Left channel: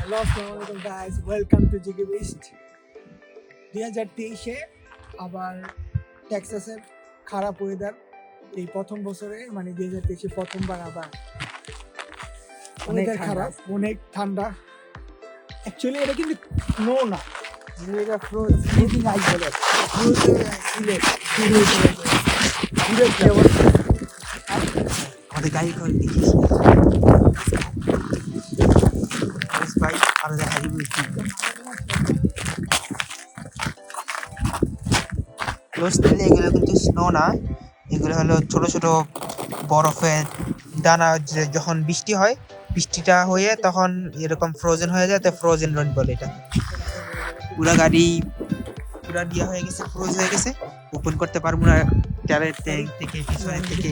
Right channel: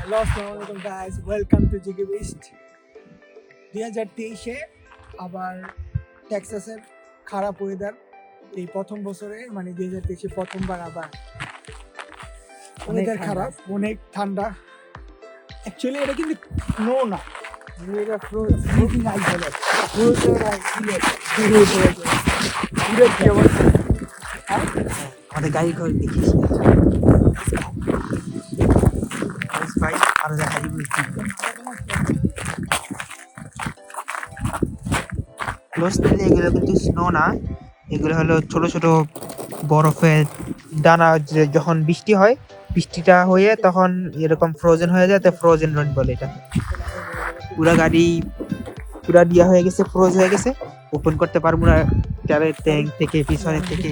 Hello আসসালামু আলাইকুম guys, welcome to জিগো beast. 2023-এ আবার টেক্সাসের খারাপ ওয়েদার। এই প্রথম বছরে মানে 2023-এ প্রথমবার আবার ওয়েদার খারাপ, অনেক ঠান্ডা। অ্যাকচুয়ালি এটা কিন্তু স্নো না, এটা ফ্রোজিং আইস বলে। আমাদের গাড়ি করে দেখি ভাই আরো দেখা যাবে এগুলো কিন্তু স্নো না, এগুলো হলো ছোট ছোট বরফের দানা। যখন বৃষ্টি হয়, বৃষ্টিটা হয়ে তখন এরকম ফ্রোজেন হয়ে যায়, তো ফ্রোজেন রেন বলে এটা। পুরা গাড়ি পুরা দিয়া হয়ে গেছে, ফ্রোজ হয়ে গেছে, ওপেন করতে পারবো না। ট্যাবের ট্যাঙ্ক থেকে পিছনের থেকে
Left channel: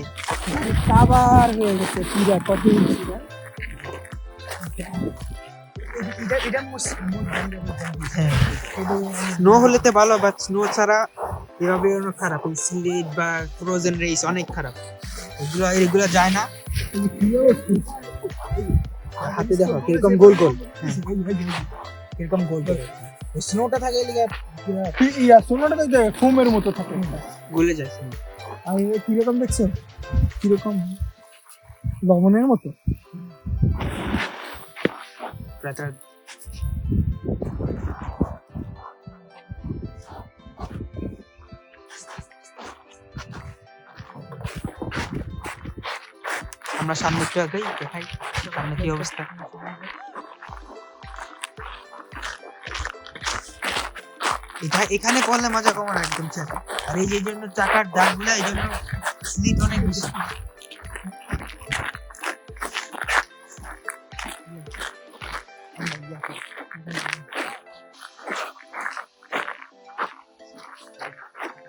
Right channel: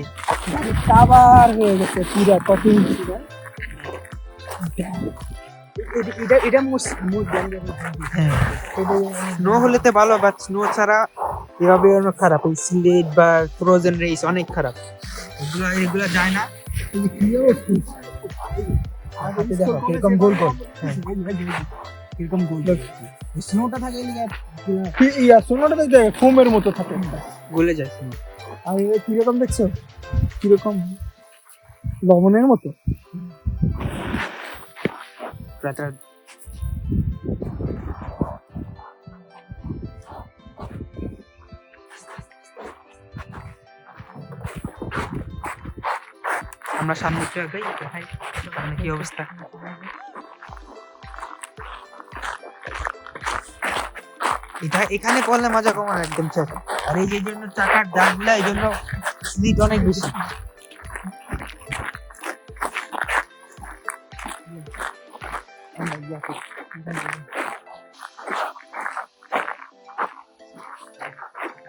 আবার হয়ে গেছে পুরা কঠিন। স্নো হলে তো ভালো, বাট স্নো ছাড়া এভাবে অনেক খারাপ। ওই স্লিট বা ফ্রোজেন রেস অনেক খারাপ, এগুলো যায় না। হাতে দেখো কিরকম গোল গোল, কিরকম গোল গোল স্নোটা থাকে। স্নোটা তো ফোমের মতো থাকে, গলে যায়। আর কিরকম দেখছো, কিরকম লবণের মতো। আমরা সামনে একটু আগে দেখাই সামনে কি অবস্থা। এটা এখানে পড়লে মজা কম না, একদম ছোট। আর এই যে জন্য চাকার দাগগুলা, এই জন্য স্লিট অনেক বেশি।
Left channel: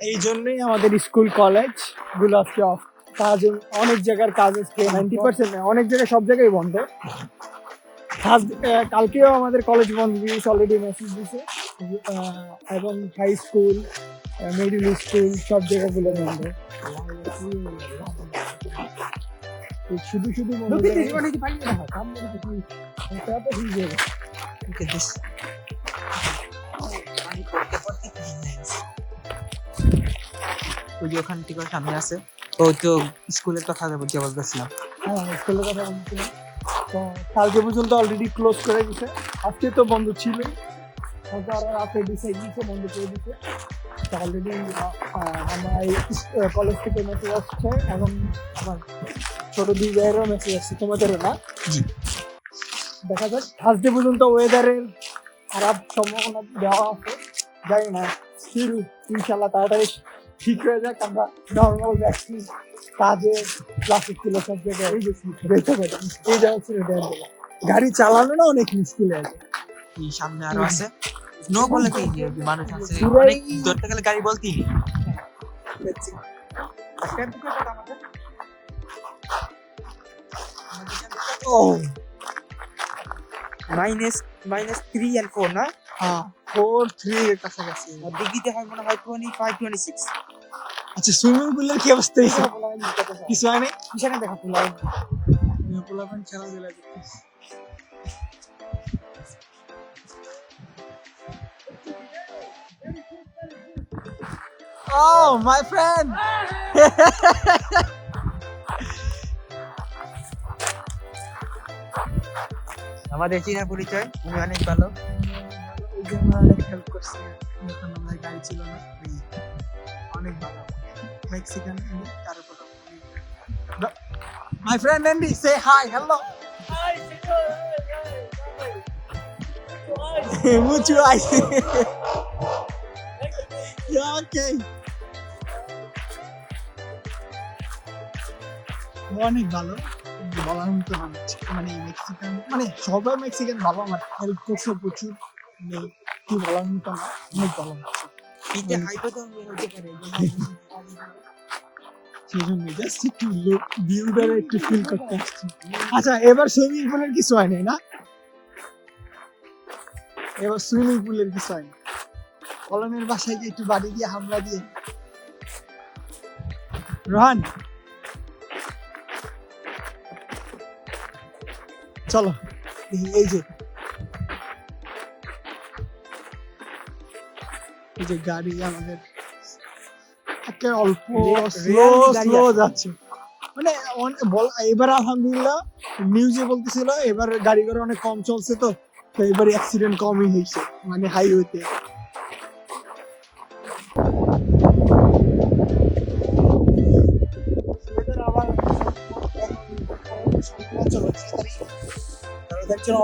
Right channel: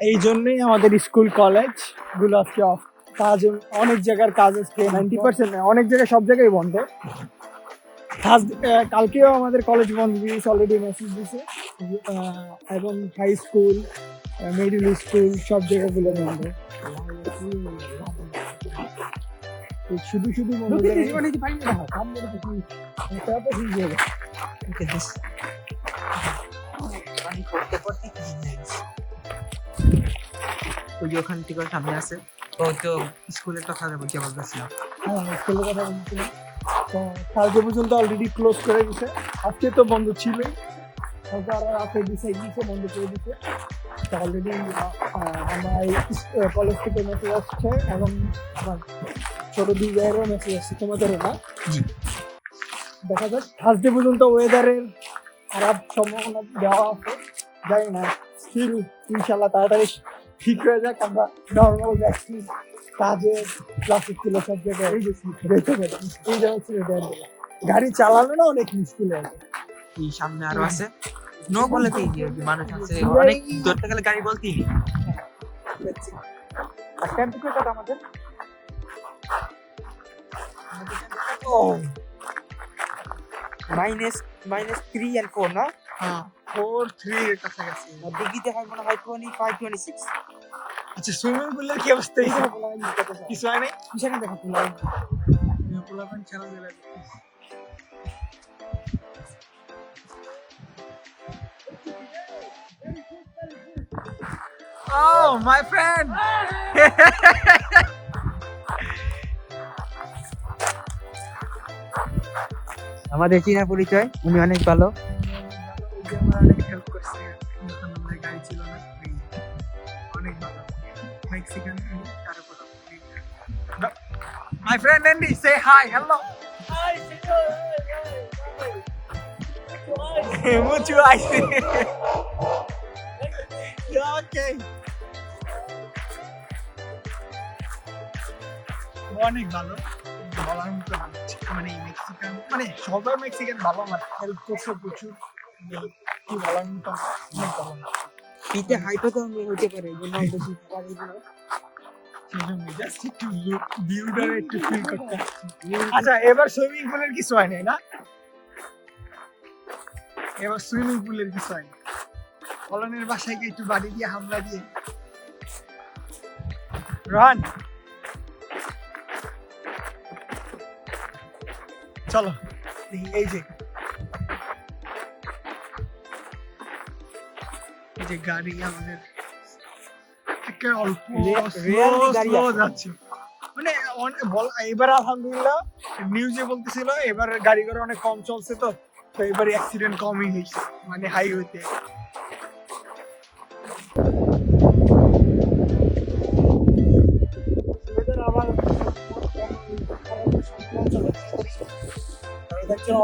এই জন্যই আমাদের স্কুল কলেজ গুলো আজকে অফ। কাজ অনেক জায়গার কাজ আজকে 90% অনেক জায়গায়, সব জায়গায় বন্ধ। কালকেও আমাদের কলেজ বন্ধ দিয়েছে, অলরেডি মেসেজ দিয়েছে। এবং হাই স্কুল, মিডল স্কুল সব জায়গাগুলো বন্ধ। শুধু শুধু ওই যে ওখান থেকে সামনে আছে, তো তো স্কুলের কথা বলতে বলতেছি না। স্কুলের কথা বলছিলাম। তো কালকে পর্যন্ত অলরেডি ক্লোজ করে দিছে, আজকে তো বন্ধ ছিলই, রাতে ডিসাইড দিচ্ছে বন্ধ করে দিচ্ছে। তো অলরেডি আমার কলেজ থেকে মেসেজ আসছে এবং আমার ছোট দুই ভাইয়েরও মেসেজ আসছে, তোমাদেরও না। দেখা যাক, থার্সডে পর্যন্ত ওয়েদারের খারাপ সম্ভাবনা দেওয়া আছে, জানি না। স্টিল ইনশাল্লাহ তাড়াতাড়ি ঠিক হয়ে যাক, আমরা নর্মাল যাচ্ছি কাজে, ক্লাসে ছিল সব জায়গায় যেতে পারি। গাড়ি চালানো না অনেক মুশকিল আছে। এই সামনে আরো আছে স্নো বলে কি মানুষ আছে, অনেক ধরতে গেলে গাড়ি বলতেই নেই। আর টেম্পারেচার আমাদের -3 and 4 না? 4-3 এর কাছাকাছি ডিগ্রিতে হয় মনে হয় 25-26। আচ্ছা, সুইমিং পুলের কি অবস্থা? কিছু হয় না, পিছনে দেখা পোলাপান খেলাধুলা করতেছে। Oh, my friend! আমাদের চীনা পরিচয়, উনি অনেক ভালো। হেল্প করছে, গাড়ি ছিল না, অনেক ভালো Mexican. My friend Andy, say hi, hello. Hi, mucho eyes. Okay. অনেক ভালো, মানে মেক্সিকান, মানে সবাই মেক্সিকান ভালো না, প্রচুর প্রচুর কি বলার পিঠে হাইটে তো আমি হতে পারে, সেই জন্য জাস্ট একটু ভিউটা একটু ফিল করতে এসেছি। আচ্ছা, এবার সুইমিং পুলের কিছু হয় না, এবার সুইমিং পুলের কিছু হয় না। কলমের বাসায় গিয়ে একটু বাড়ি দিয়ে হামলা দিয়ে রোহান, চলো এই যে যে গাড়ি আমাদের একে অল্প Really স্লো যাচ্ছে, মানে এবার আলহামদুলিল্লাহ নিউজে বলতেছিল এবার গাড়ি ঘোড়া অনেক কম চলছে, তো তো এবার অ্যাক্সিডেন্ট কমই হয়েছে মানে হাইওয়েতে।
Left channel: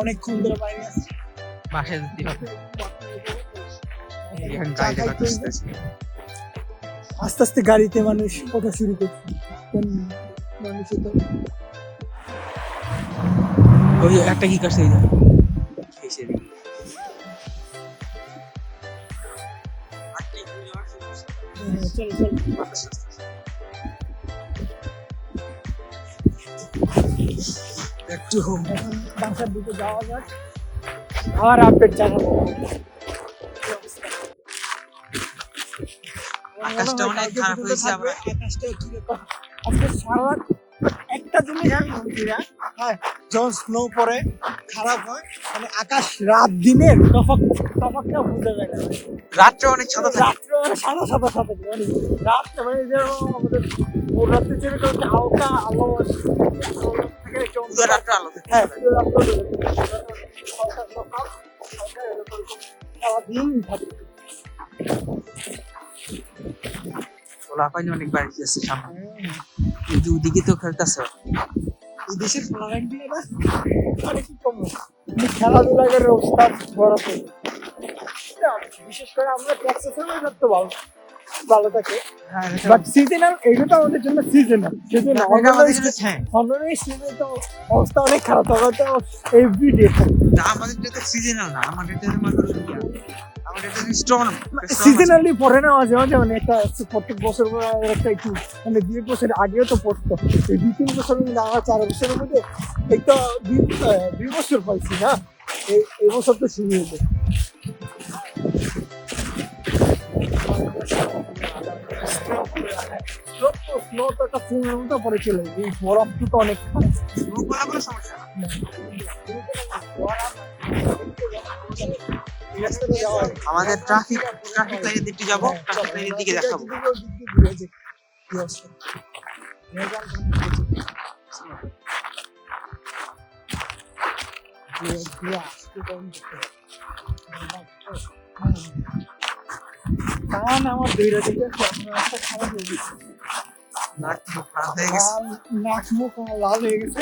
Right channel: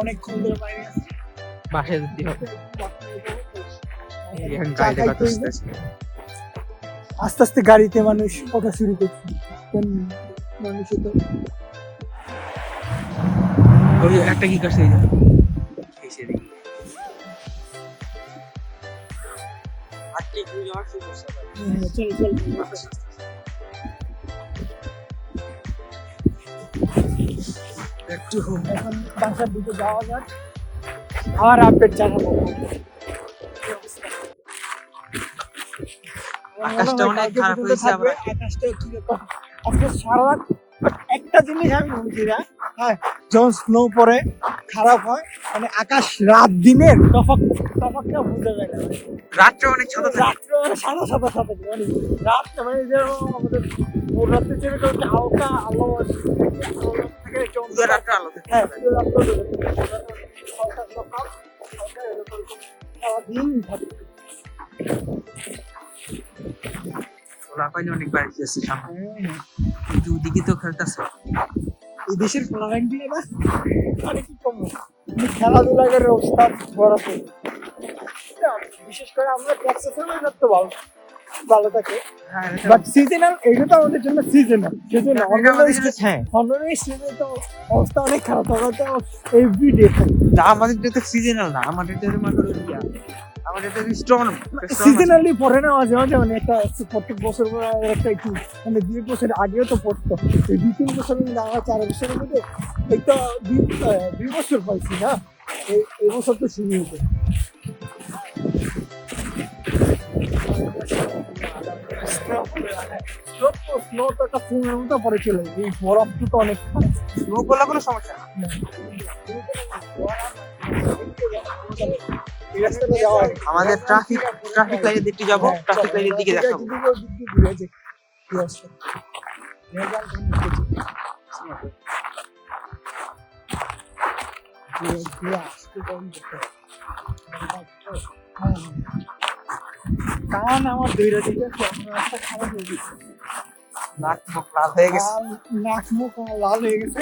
অনেক সুন্দর বাইরে আছে। বাসায় যেতে হবে। এখন গাড়িটা কত আসতেছে। আস্তে আস্তে গাড়িতে মানুষ ওঠা শুরু করছে। মানুষের তো ওই একটা কি করছে এই যে। একটু এখন বাসার দিকে যাওয়া যাক, আর আপডেট জানাবো। আকাশটা অনেক খারাপ হয়েছে। আমরা আকাশটা কি ব্যাপার? আজকে সারা রাত একটা জিনিস আমি বুঝি না, হ্যাঁ যখন স্নো পড়ে খারাপ হয়, মানে আকাশ রাত দিনের তফাৎটা বুঝতে যায় না। রাত্রে অনেক সাদা থাকে। রাত্রে মানে সাদা সাদা সাদা, মানে রাত্রে মানে যেরকম আমাদের ভোর রাত্রে যেরকম একটা হালকা আলো থাকে, পুরো রাত্রে আলো থাকে। হ্যাঁ পুরো রাত্রে হালকা সকাল হালকা এরকম সারাদিন থাকে। ওরা পাইনি অনেক বাইরে গেছে সামনে। এই যে ওদিকে তো খেলতেছে। এই দেশের ফ্লাইট দিয়ে না মানে কি কম খেলাধুলা করে অবস্থা বড় করে। বিশেষ করে আমরা টেক্সাসের ওয়েদার তো ভালো ভালো থাকে, বাট সিজনাল এটা তো আমাদের জন্য সিজনাল, সেজন্য অন্যান্য সিজনে তো অবস্থা অনেক খারাপ থাকে, তো এভরিডে না আমাদের তো সিজনাল না, আমাদের তো মানে আমাদের তো স্টোন সিজনালি পড়ে না মাঝে মাঝে, মানে একটা প্রত্যেক বছর একটা একটু মানে 2 বছর আগেও তো পড়তো, এই 2-3 বছর না 4 বছরের মধ্যে এই তো 2 বছর পাইছি না, এই বছর তো শুরু হয়েছে। স্নো তো একটা ফুলের মতো পড়ে চলে, এই বরফ তো অনেক স্নো বলা কোনো সমস্যা না। আমাদের ট্রাফিক লাইনের দিকে যাব, ট্রাফিক লাইনের দিকে দেখাবো। কান আমার দুইটা দিকে খারাপ হয়ে গেছে, নাক মুখ লাল হয়ে গেছে। নাক মুখ লাল হয়ে গেছে,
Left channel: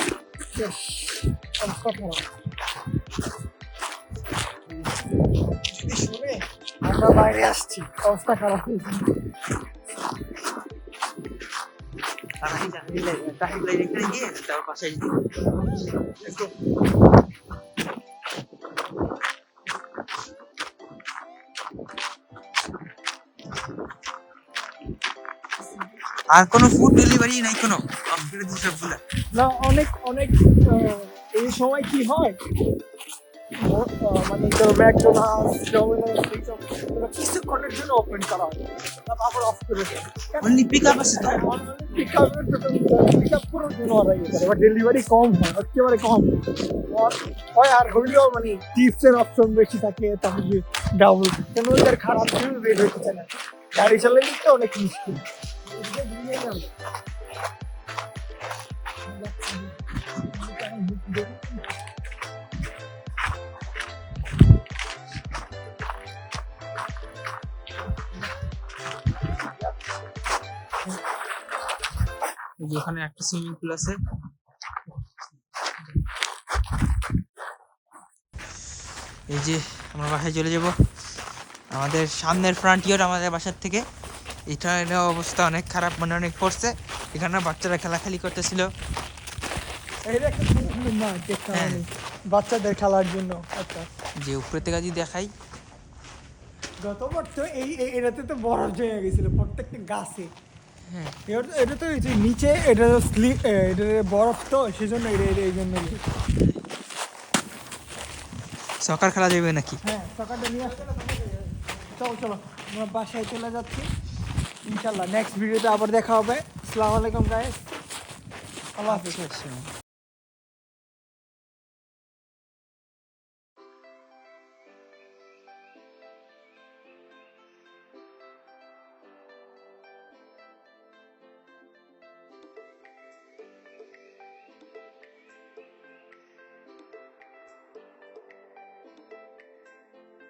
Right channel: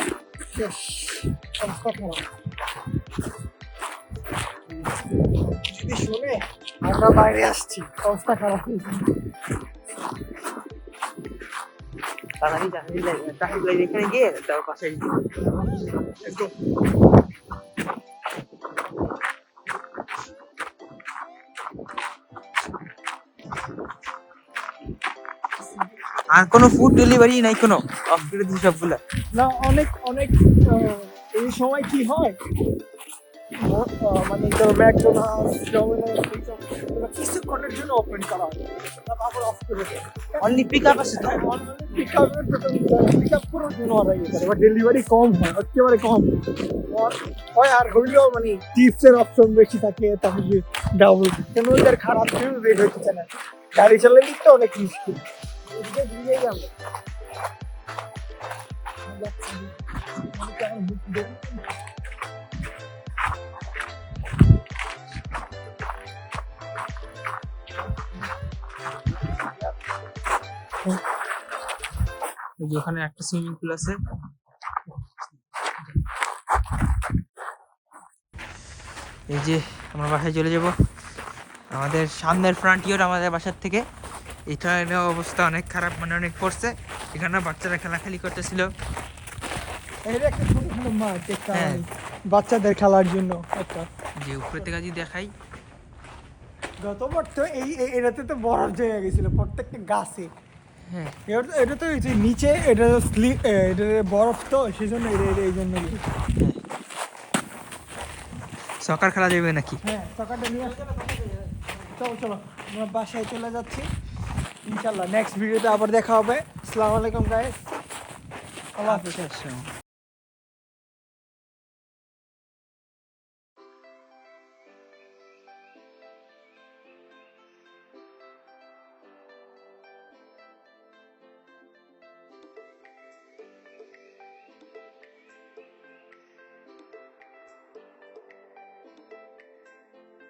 অবস্থা খারাপ। যদি শুনে আমরা বাইরে আসছি, অবস্থা খারাপ হয়েছে। ট্রাফিক লাইন এখানে গিয়ে তারপর পাশে আর কোনো ফুড ডেলিভারি নাই কোনো আপডেট দিই সবগুলা না। অনেক অনেক এই সময় কি হয় মানে তো ম্যাকডোনাল্ডস ডোমিনোস কিছুক্ষণের জন্য ওপেন করা হয়, তারপর অফ করে দেয়। অনলি পিক আপ আছে তো, পিক আপ পুরো দিন ওরা ইয়ে করে, ডেলিভারি কম হয়, একেবারে কম হয়। আর হইলেও মানে টিপসের অপশন বেশি থাকে, তারপরে ডাবল কেন ওদের খারাপ ফিউল রেট হচ্ছে না, গাড়ি চালালে তো অনেক মুশকিল। এই যে ওখানে একটা সুইমিং পুল আছে। এই যে আমরা বাসায় চলে যাব, আমাদের সামনের ফ্রন্টিয়ার আমাদের বাসার থেকে। এটার অবস্থা অনেক খারাপ, মানে অনেক পড়ছে। এখানে বাচ্চারা খেলাখেলি করতেছিল, হ্যাঁ বাচ্চাদের খেলার জন্য। যে উপরে থেকে যদি দেখাই যতবার তো এটাতে তো বরফ জমে গেছিল প্রত্যেকটা গাছে। হ্যাঁ এটা তো নিচে এটা স্লিপ, এটা বরফ তো সেজন্য এই জন্য। সকার খেলা যাবে নাকি? হ্যাঁ সকারটা নিয়ে আসতে। চলো আমরা বাসায় চলে যাচ্ছি, ইনশাল্লাহ নেক্সট ভিডিওতে আবার দেখা হবে। আসসালামু আলাইকুম গাইস, আল্লাহ হাফেজ।